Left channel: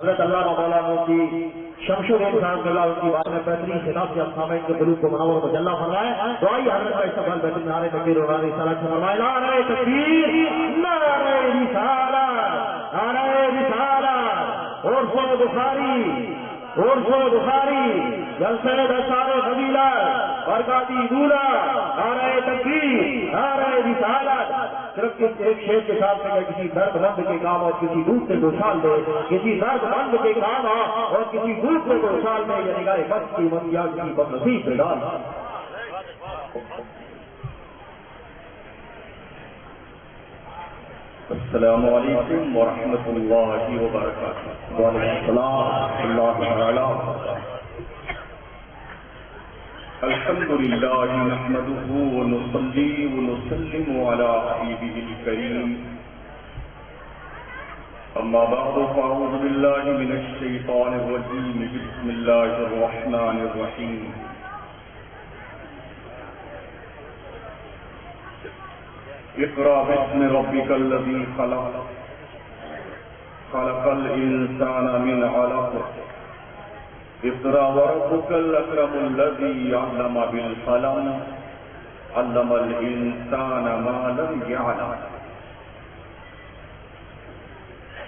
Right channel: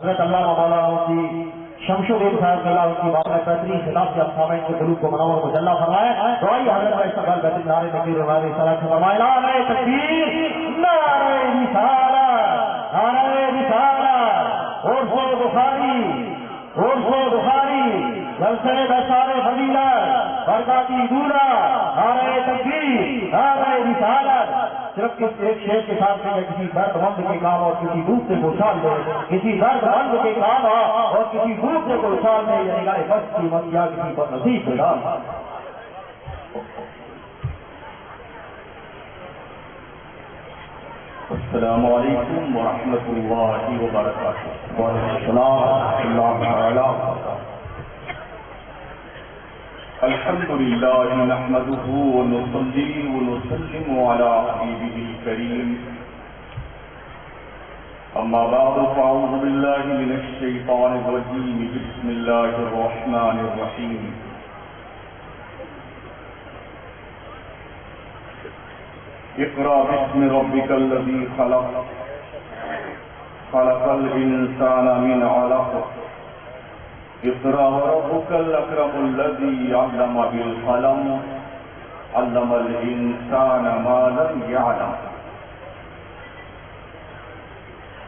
حضرت علامہ مولانا مفتی شمشور صاحب اللہ کی بات میں بہترین خطاب سے سامعین کے قلوب کو منور کو جلہ فرمائے. دعائیے حضرت کا استقبال بہترین نعرے تکبیر و نعرے صلاۃ سے فرمائے. نعرے تکبیر، نعرے رسالت، نعرے رسالت. عرف بخاری، عرف بخاری، جلسے دستار فضیلت، برکاتی دولہ، نعرے تکبیر، نعرے رسالت. صرف ایک شیر کے ساتھ میں کسی درد مند کے کام اور کسی دوسرے کو اچھال دے، کسی درد مند کے کام اور کسی دوسرے کو اچھال دے، یہ نگاہ بس کی مت یا کسی بد نصیب پہ ڈال. السلام علیکم ورحمۃ اللہ وبرکاتہ. وعلیکم السلام ورحمۃ اللہ تعالی. الحمد للہ نحمده ونصلي ونسلم على حبیبه الکریم. اما بعد فاعوذ باللہ من الشیطان الرجیم. بسم اللہ الرحمن الرحیم. اقرأ باسم ربک الذی خلق، خلق الانسان من علق. اقرأ وربك الأكرم الذي علم بالقلم، علم الإنسان ما لم يعلم.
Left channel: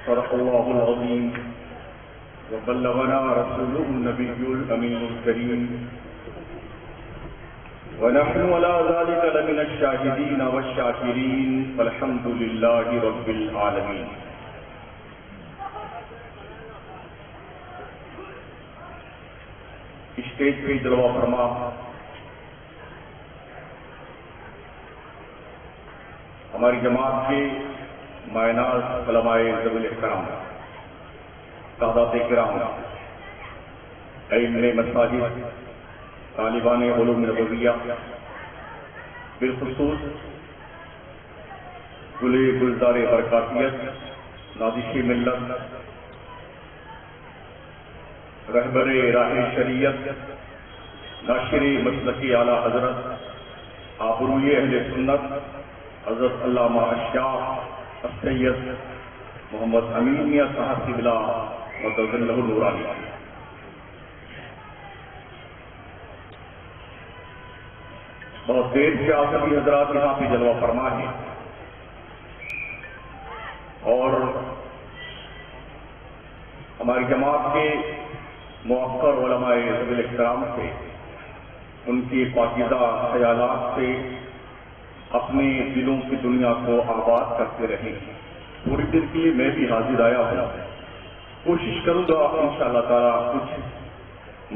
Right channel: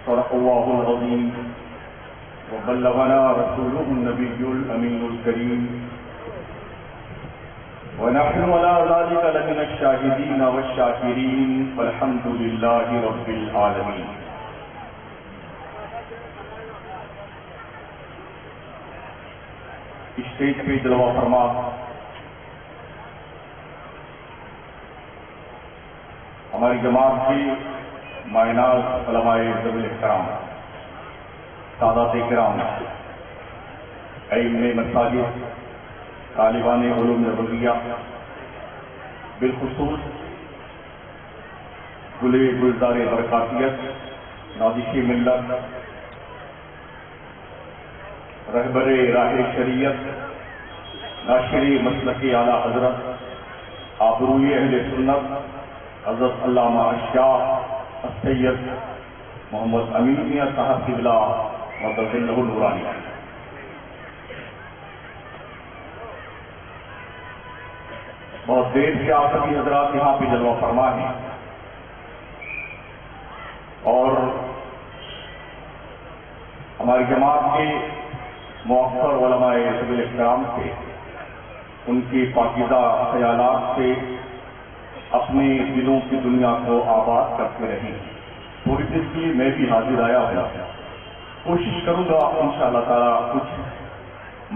صدق الله العظيم وبلغنا رسوله النبي الأمين الكريم، ونحن على ذلك لمن الشاهدين والشاكرين، والحمد لله رب العالمين. اسٹیج پہ جلوہ فرما ہماری جماعت کے مایناز علماء ذوی الاحترام، سادات کرام، ائمہ مساجد، طالبان علوم نبویہ، بالخصوص گلے گلزار برکاتیت، نازش ملت، رہبر راہ شریعت، ناشر مسلک اعلیٰ حضرت، آبروی اہل سنت، حضرت علامہ الشاہ السید محمد امین میاں صاحب قبلہ مدد اللہ نورانی. بہت دیر سے آپ سبھی حضرات یہاں پہ جلوہ فرما ہیں، اور ہماری جماعت کے مؤثر علماء ذوی الاحترام سے، ان کی پاکیزہ خیالات سے اپنے دلوں کی دنیا کو آباد کرتے رہیں. تھوڑی دیر کے لیے میں بھی حاضر آیا ہوں. کوشش کروں گا انشاءاللہ تعالیٰ کچھ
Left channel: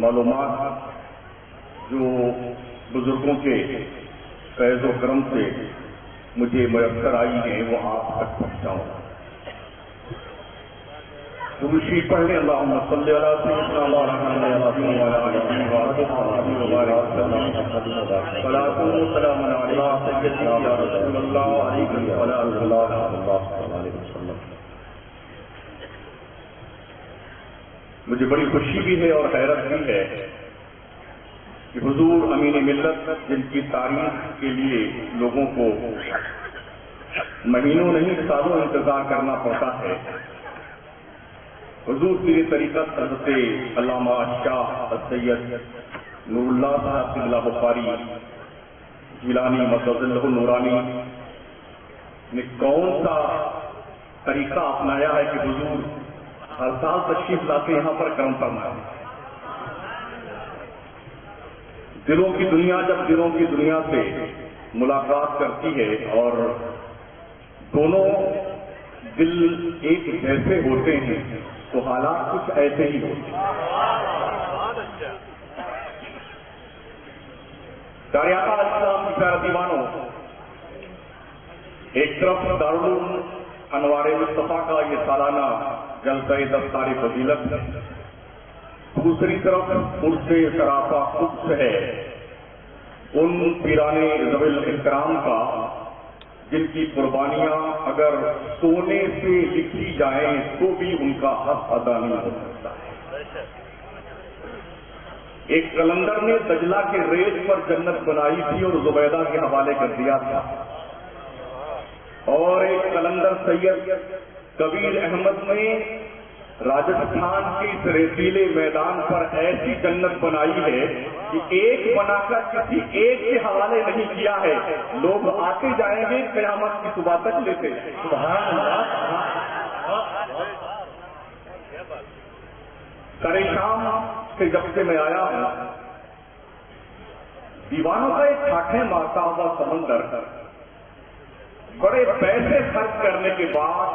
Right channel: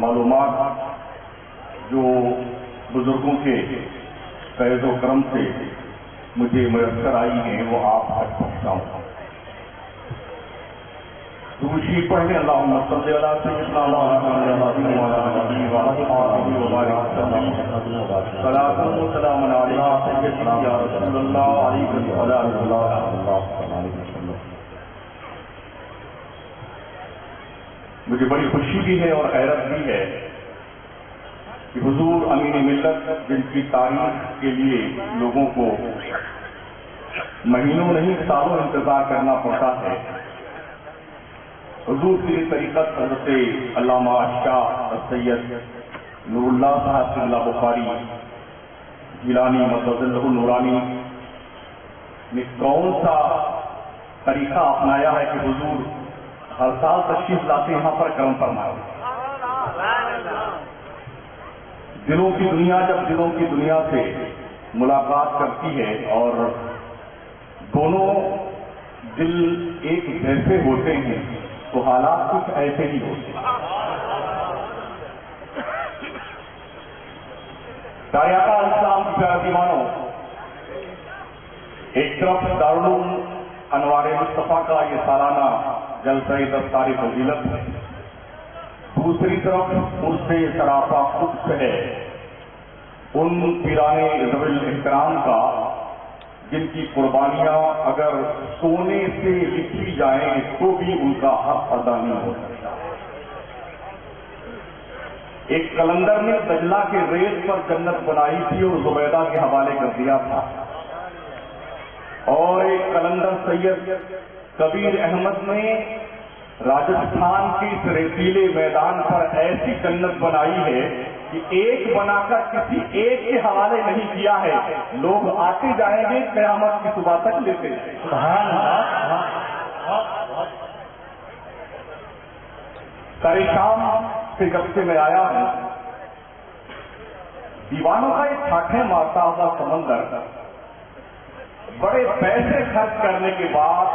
معلومات جو بزرگوں کے فیض و کرم سے مجھے میسر آئی ہیں وہ آپ تک پہنچاؤں. دوشی پڑھنے اللہم صلی علی سیدنا محمد وعلی آلہ وصحبہ وبارک وسلم. صلاۃ و سلام علیہ سیدی یا رسول اللہ علیہ وسلم. مجھے بڑی خوشی بھی ہے اور حیرت بھی ہے کہ حضور امین ملت، جن کی تاریخ کے لیے لوگوں کو مہینوں نہیں سالوں انتظار کرنا پڑتا ہے، حضور کی طریقت حضرت علامہ شاہ السید نور اللہ صاحب قبلہ بخاری جیلانی مدد اللہ نورانی نے کون سا طریقہ اپنایا ہے کہ حضور ہر سال تشریف لاتے یہاں پر کرم فرمائے. دلوں کی دنیا جب دلوں کی دنیا سے ملاقات کرتی ہے اور دونوں دل ایک جیسے ہوتے ہیں تو حالات کچھ ایسے ہی ہوتے ہیں. سارے آقا علیہ السلام کی پیارا دیوانوں، ایک طرف دارالعلوم انوار مصطفیٰ کا یہ سالانہ جلسہ دستار فضیلت ہے، دوسری طرف عرس سراپا قدس ہے ان پیرانے ذوی الاحترام کا، جن کی قربانیاں اگر سونے سے لکھی جائیں تو بھی ان کا حق ادا نہیں ہو سکتا. ایک قلندر نے دجلہ کے ریت پر جنت بنائی تھی اور زبیدہ کے حوالے کر دیا تھا، اور ایک قلندر سید کبیر احمد نے راجستھان کی اس ریتیلے میدان پر ایسی جنت بنائی ہے کہ ایک بنا کر کسی ایک کے حوالے نہیں کیا ہے. لوگ آتے جائیں گے قیامت کی صبح تک لیتے جائیں گے. سبحان اللہ. سارے شام سے جب سے میں آیا ہوں، دیوانوں کا ایک ٹھاٹھے مارتا ہوا سمندر، بڑے پیسے خرچ کرنے کے بعد،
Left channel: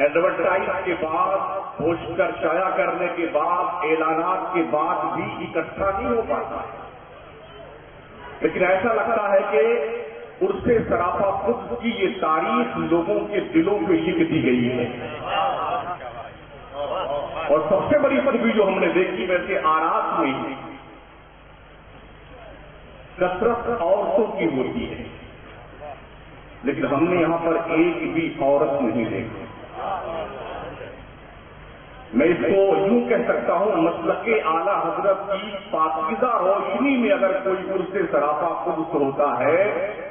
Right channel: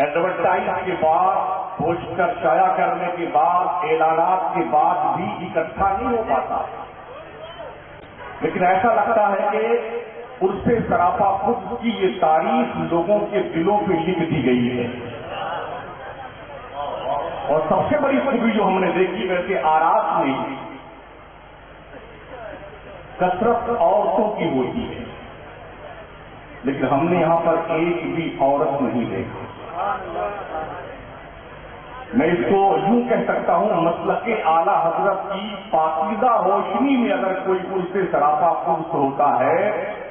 ایڈورٹائز کے بعد، پوسٹر شائع کرنے کے بعد، اعلانات کے بعد بھی اکٹھا نہیں ہو پاتا. لیکن ایسا لگتا ہے کہ اس سے سراپا خود کی یہ تاریخ لوگوں کے دلوں پہ لکھ دی گئی ہے. اور سب سے بڑی خوبی جو ہم نے دیکھی ویسے آرات میں کثرت عورتوں کی ہوتی ہے، لیکن ہم نے یہاں پر ایک بھی عورت نہیں دیکھی. میں اس کو یوں کہہ سکتا ہوں، مسلک اعلی حضرت کی پاکیزہ روشنی میں اگر کوئی ان سے سراپا قدس ہوتا ہے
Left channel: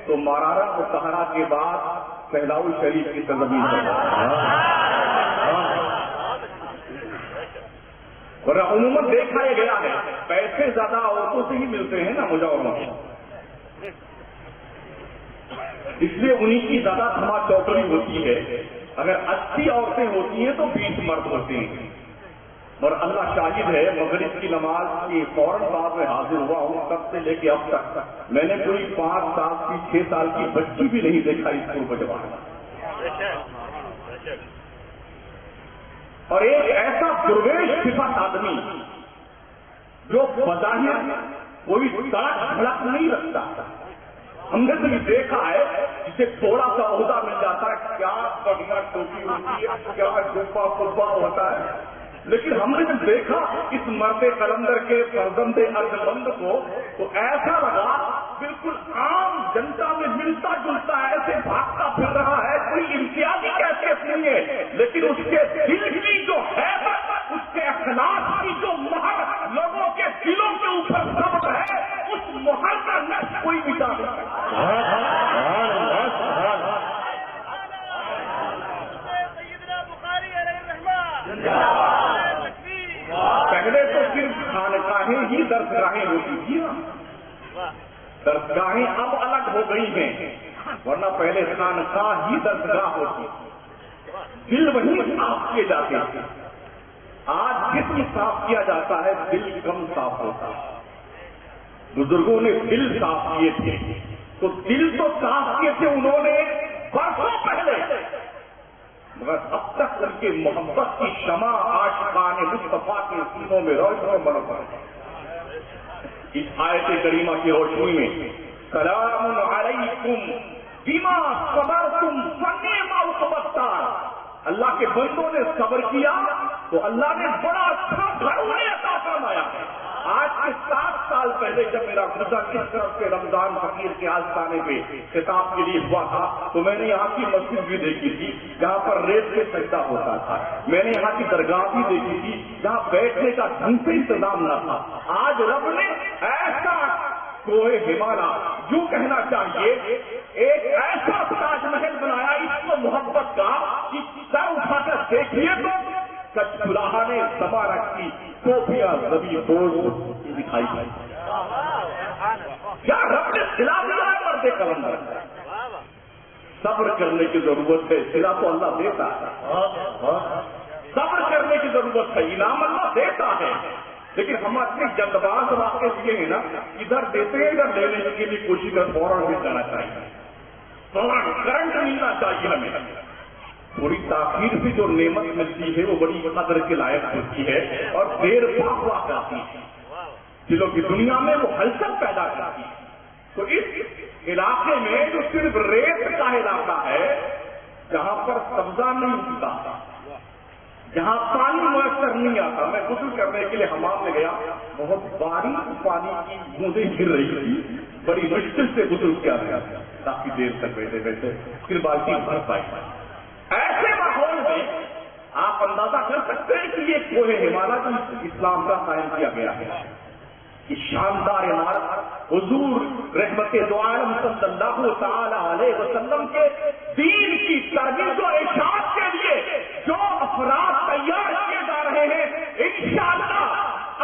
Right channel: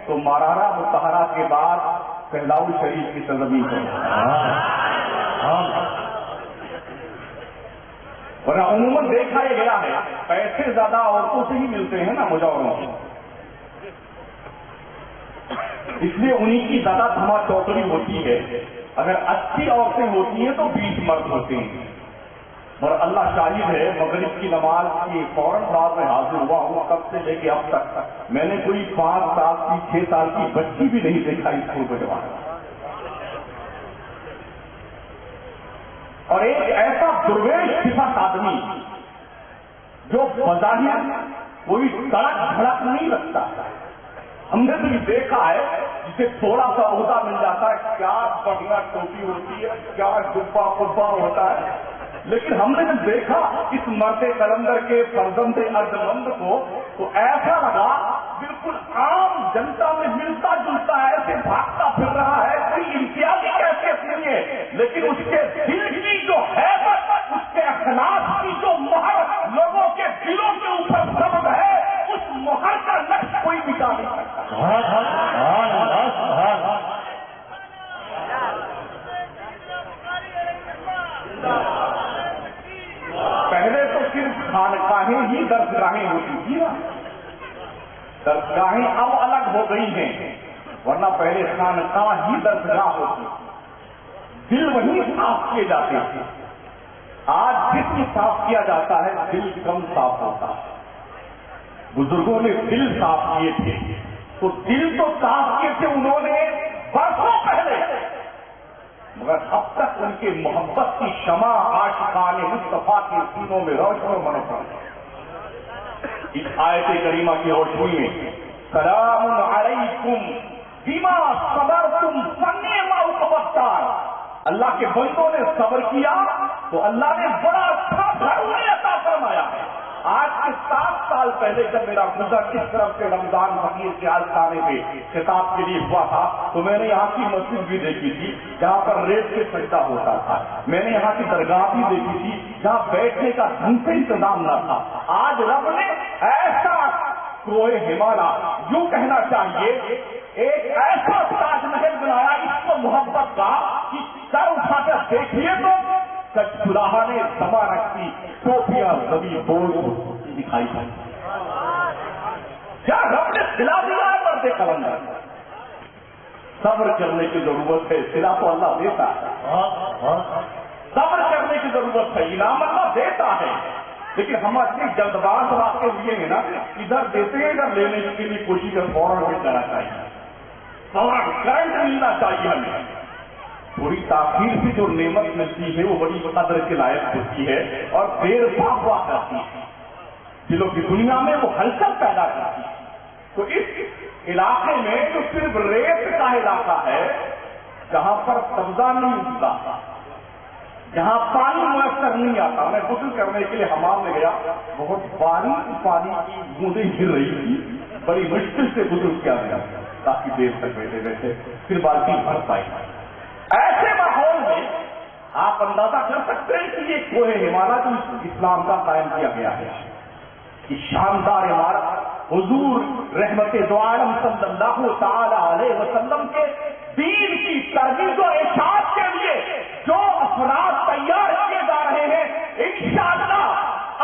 تو مارارا مطہرہ کے بعد پہلاؤ شریف کی سرزمین پر. ورنہ عموماً دیکھا یہ گیا ہے پیسے زیادہ عورتوں سے ہی ملتے ہیں نا مجاوروں کو، اس لیے انہیں کی زیادہ دھما چوکڑی ہوتی ہے. اگر 80 عورتیں ہوتی ہیں تو 20 مرد ہوتے ہیں. اور اللہ شاہد ہے، مغرب کی نماز کی فوراً بعد میں حاضر ہوا ہوں، تب سے لے کے اب تک میں نے کوئی 5 سال کی 6 سال کی بچی بھی نہیں دیکھا اسکول کو جوانا. اور ایک ایسا درویش صفت آدمی جو بظاہر کوئی سڑک دھڑک نہیں رکھتا. ہم نے تو یہ دیکھا ہے جسے تھوڑا سا عہدہ مل جاتا ہے، کیا بڑھیا ٹوپی ہوتی ہے، کیا ڈبا پبا ہوتا ہے. لیکن ہم نے جب دیکھا اس مرد قلندر کے فرزند ارجمند کو تو ایسا لگا بالکل عام جنتا میں ملتا جلتا ہے، ایسے بھاگتا پھر رہا ہے، کوئی امتیازی کیفیت نہیں ہے. لیکن اس کے دل کی جو ہے، اس کے اخلاق کی جو مہر لوگوں کے دلوں کے اوپر ضبط ہے، اس مہر کا نقش کوئی مٹا نہیں سکتا. پہلے تو صرف خانقاہیں ہی درسگاہیں ہوتی تھی نا، درسگاہیں اب الگ ہو گئی ہیں، ورنہ پہلے خانقاہ ہی درسگاہ ہوتی، دل وہیں صاف کیے جاتے تھے. آج جسم صاف کیا جاتا ہے، دل کم صاف ہوتا ہے. بزرگوں نے دل صاف کیے تھے تو دل تو صاف کیے تھے انہوں نے برسوں پہلے، مگر اب تک ان کے محبت کی شمع عاشقان مصطفیٰ کے سینوں میں روشن و منور. اس آیت کریمہ کی روشنی میں سلام علیکم بما صبرتم فنعم عقبی الدار، اللہ کے بندوں نے صبر کیا تو اللہ نے بڑا اچھا گھر انہیں عطا فرمایا. آج سے 7 سال پہلے جب میرا گزر اس طرف سے رمضان فقیر کے آستانے پہ خطاب کے لیے ہوا تھا تو میں نے یہاں کی مسجد بھی دیکھی تھی جہاں پر ریت سے سجدہ ہوتا تھا. میں نے یہاں کی درگاہ بھی دیکھی تھی جہاں بیٹھنے کا ڈھنگ سے انتظام نہ تھا. آج رب نے ایسا کوہ ہمالا، یوں کہنا چاہیے ایک ایسا تاج محل بنایا اس کو محبت کا کہ سر اٹھا کر دیکھیے تو کچھ چراہا نے سما رکھتی ٹوپیاں زبی بوجھ دکھائی پڑی. کیا رب نے سلا دیا ہے مرد قلندر؟ صبر کرنے کی ضرورت ہے، سلا تو اللہ دیتا ہے. صبر کرنے کی ضرورت ہے، انعام اللہ دیتا ہے. لیکن ہم اپنی جلد باز واقع لیے ہیں نا، ادھر دیتے ہیں ادھر لینے کے لیے کوشش کر فوراً مل جانا چاہیے، فوراً کرنٹ ملنا چاہیے. ہمیں تھوڑی تاخیر سے جو نعمت ملتی ہے وہ بڑی قدر کے لائق ہوتی ہے اور دیر پا ہوا کرتی ہے، دلوں کی دنیا میں وہ ہلچل پیدا کرتی ہے. تو اس علاقے میں جو صرف ریت کا علاقہ ہے، جہاں پر سبزہ نہیں اگتا، جہاں پانی میسر نہیں آتا، میں غسل کرنے کے لیے حمام میں گیا، بہت باریک پانی کی بوندیں گر رہی تھی، بڑی مشکل سے غسل کیا گیا، کافی دیر تک بیٹھے بیٹھے پھر بالٹی بھر پائی. ایسے ماحول میں آپ اندازہ کر سکتے ہیں کہ یہ کوہ ہمالا جو اسلام کا قائم کیا گیا ہے، یہ شاندار عمارت حضور رحمت دو عالم صلی اللہ تعالی علیہ وسلم کے دین کی ترویج و اشاعت کے لیے جو افراد تیار کیے جا رہے ہیں، انشاءاللہ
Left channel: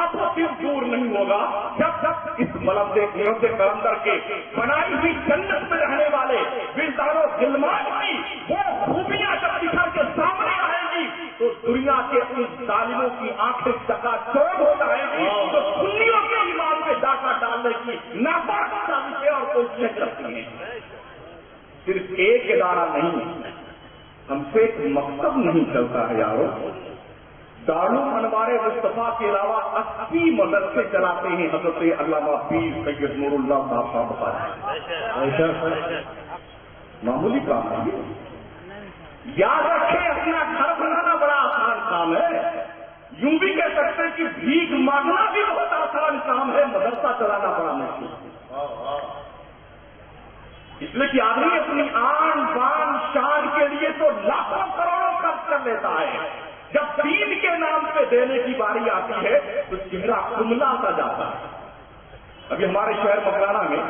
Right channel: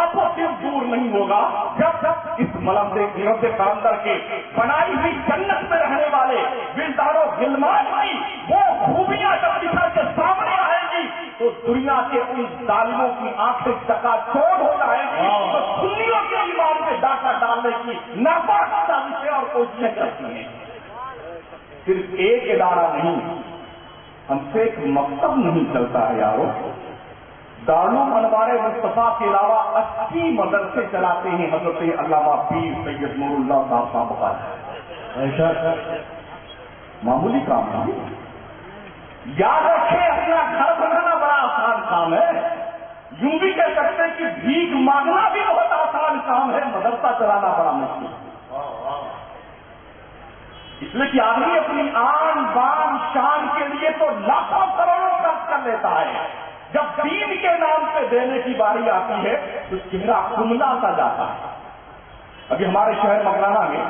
اب وہ صرف دور نہیں ہوگا جب اس مرد کلندر کے بنائی ہوئی جنت میں رہنے والے ولدان و غلمان کی وہ خوبیاں جب نکل کے سامنے آئیں گی تو دنیا کے ان ظالموں کی آنکھیں چکا چوڑ ہو جائیں گی، تو سنیوں کے ایمان میں ڈاکہ ڈالنے کی ناپاک سازشیں اور کوششیں کرتی ہیں۔ صرف ایک ادارہ نہیں، ہم سے ایک مقصد نہیں چلتا ہے یارو۔ دارالعلوم انوار مصطفیٰ کے علاوہ 80 مدرسے چلاتے ہیں حضرت علامہ پیر سید نور اللہ صاحب بتا رہے ہیں۔ معمولی کام نہیں، یاد رکھیں اپنا گھر بنانا بڑا آسان کام ہے، یوں بھی کہہ سکتے کہ بھیک مانگنا بھی بہت آسان کام ہے، مدرسہ چلانا بڑا مشکل ہے۔ اس لیے کہ آدمی اپنی آن بان شان کے لیے تو لاکھوں کروڑوں خرچ کر لیتا ہے، جب دین کے نام پہ دینے کی باری آتی ہے تو چہرہ کملا سا جاتا ہے۔ ابھی ہمارے شہر مکرانہ میں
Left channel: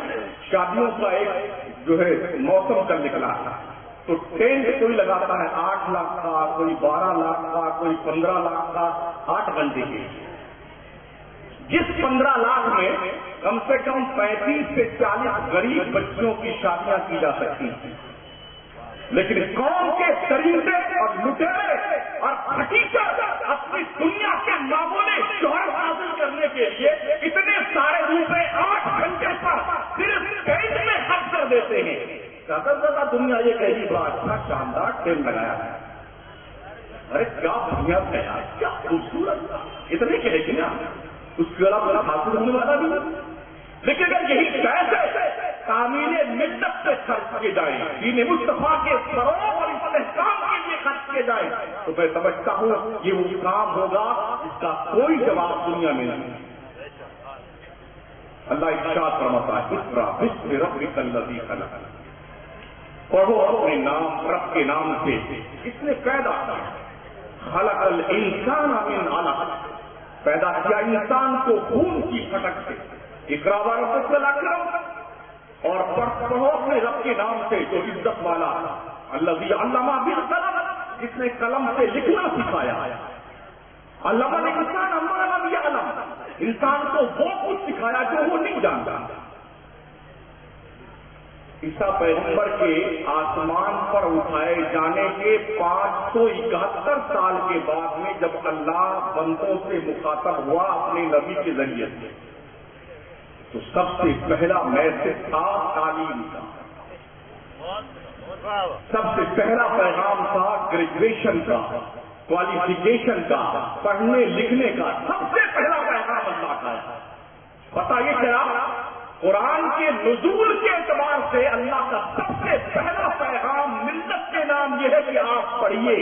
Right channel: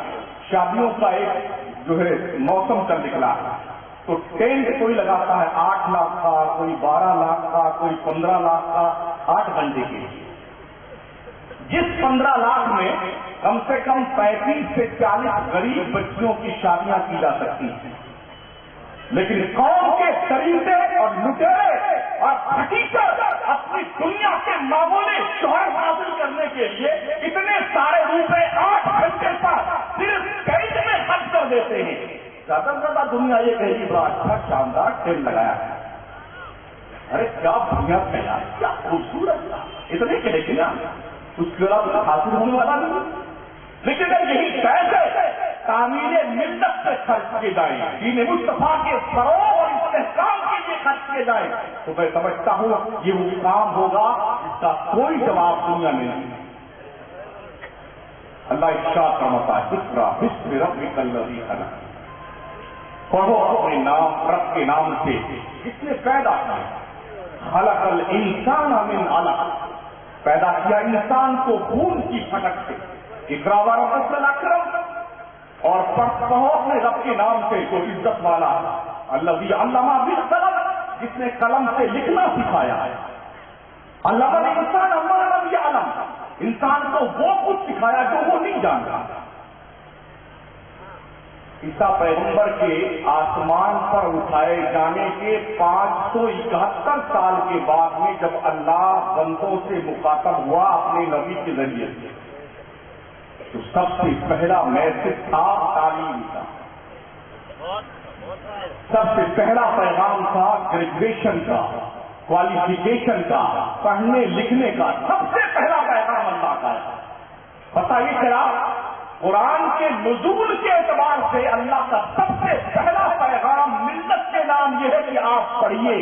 شادیوں کا ایک جو ہے موسم کل نکلا ہے، تو ٹینٹ کوئی لگاتا ہے 8 لاکھ کا، کوئی 12 لاکھ کا، کوئی 15 لاکھ کا 8 گھنٹے کے لیے۔ جس 15 لاکھ میں کم سے کم 35 سے 40 غریب بچیوں کی شادیاں کی جا سکتی ہیں، لیکن قوم کے طریقے اور لٹیرے اور حقیقت اپنی دنیا کے معمولی شہرت حاصل کرنے کے لیے اتنے سارے روپے 8 گھنٹے پر صرف ٹینٹ میں خرچ کر دیتے ہیں۔ زیادہ سے زیادہ دنیا یہ کہے گی بڑا اچھا شاندار ٹینٹ لگایا ہے، ارے کیا بڑھیا تھا، کیا خوبصورت تھا، اتنے کہے گی نا، اس کے علاوہ حاصل ہونے والا نہیں۔ لیکن اگر یہی پیسے تعمیر ملت سے خرچ کیے جائیں، دین مصطفیٰ کے فروغ اور استحکام کے لیے خرچ کیے جائیں، تو میں سمجھتا ہوں یہ وہ کام ہوگا جس کا کوئی جواب دنیا میں نہیں۔ اللہ ارشاد فرماتا ہے اقرأ باسم ربک الذی خلق، پڑھو اپنے نام رب کے نام سے جس نے پیدا کیا، خلق الانسان من علق، پیدا کیا انسان کو خون کی پھٹک سے، اقرأ وربک الاکرم، اور پڑھو اپنے رب کے نام سے جو عزت والا، الذی علم بالقلم، جس نے قلم سے لکھنا سکھایا ہے، علم الانسان ما لم یعلم، انسان کو وہ کچھ سکھایا جو وہ نہیں جانتا۔ عیسیٰ پیغمبر کے آسمان پر اٹھائے جانے کے 571 سال کے بعد میں جب اللہ بندوں سے مخاطب ہوا اپنے نبی کے ذریعے سے، تو سب سے پہلا میسج تھا تعلیم کا، سب سے پہلا پیغام تھا گریجویشن کا، کوالیفیکیشن کا، پڑھنے لکھنے کا، سب سے پہلا پیغام اللہ کا ہے۔ پتہ یہ چلا قرآن کے نزول کے اعتبار سے اللہ کا سب سے پہلا پیغام ملت کے نام یہ ہے کہ آپ پڑھیے،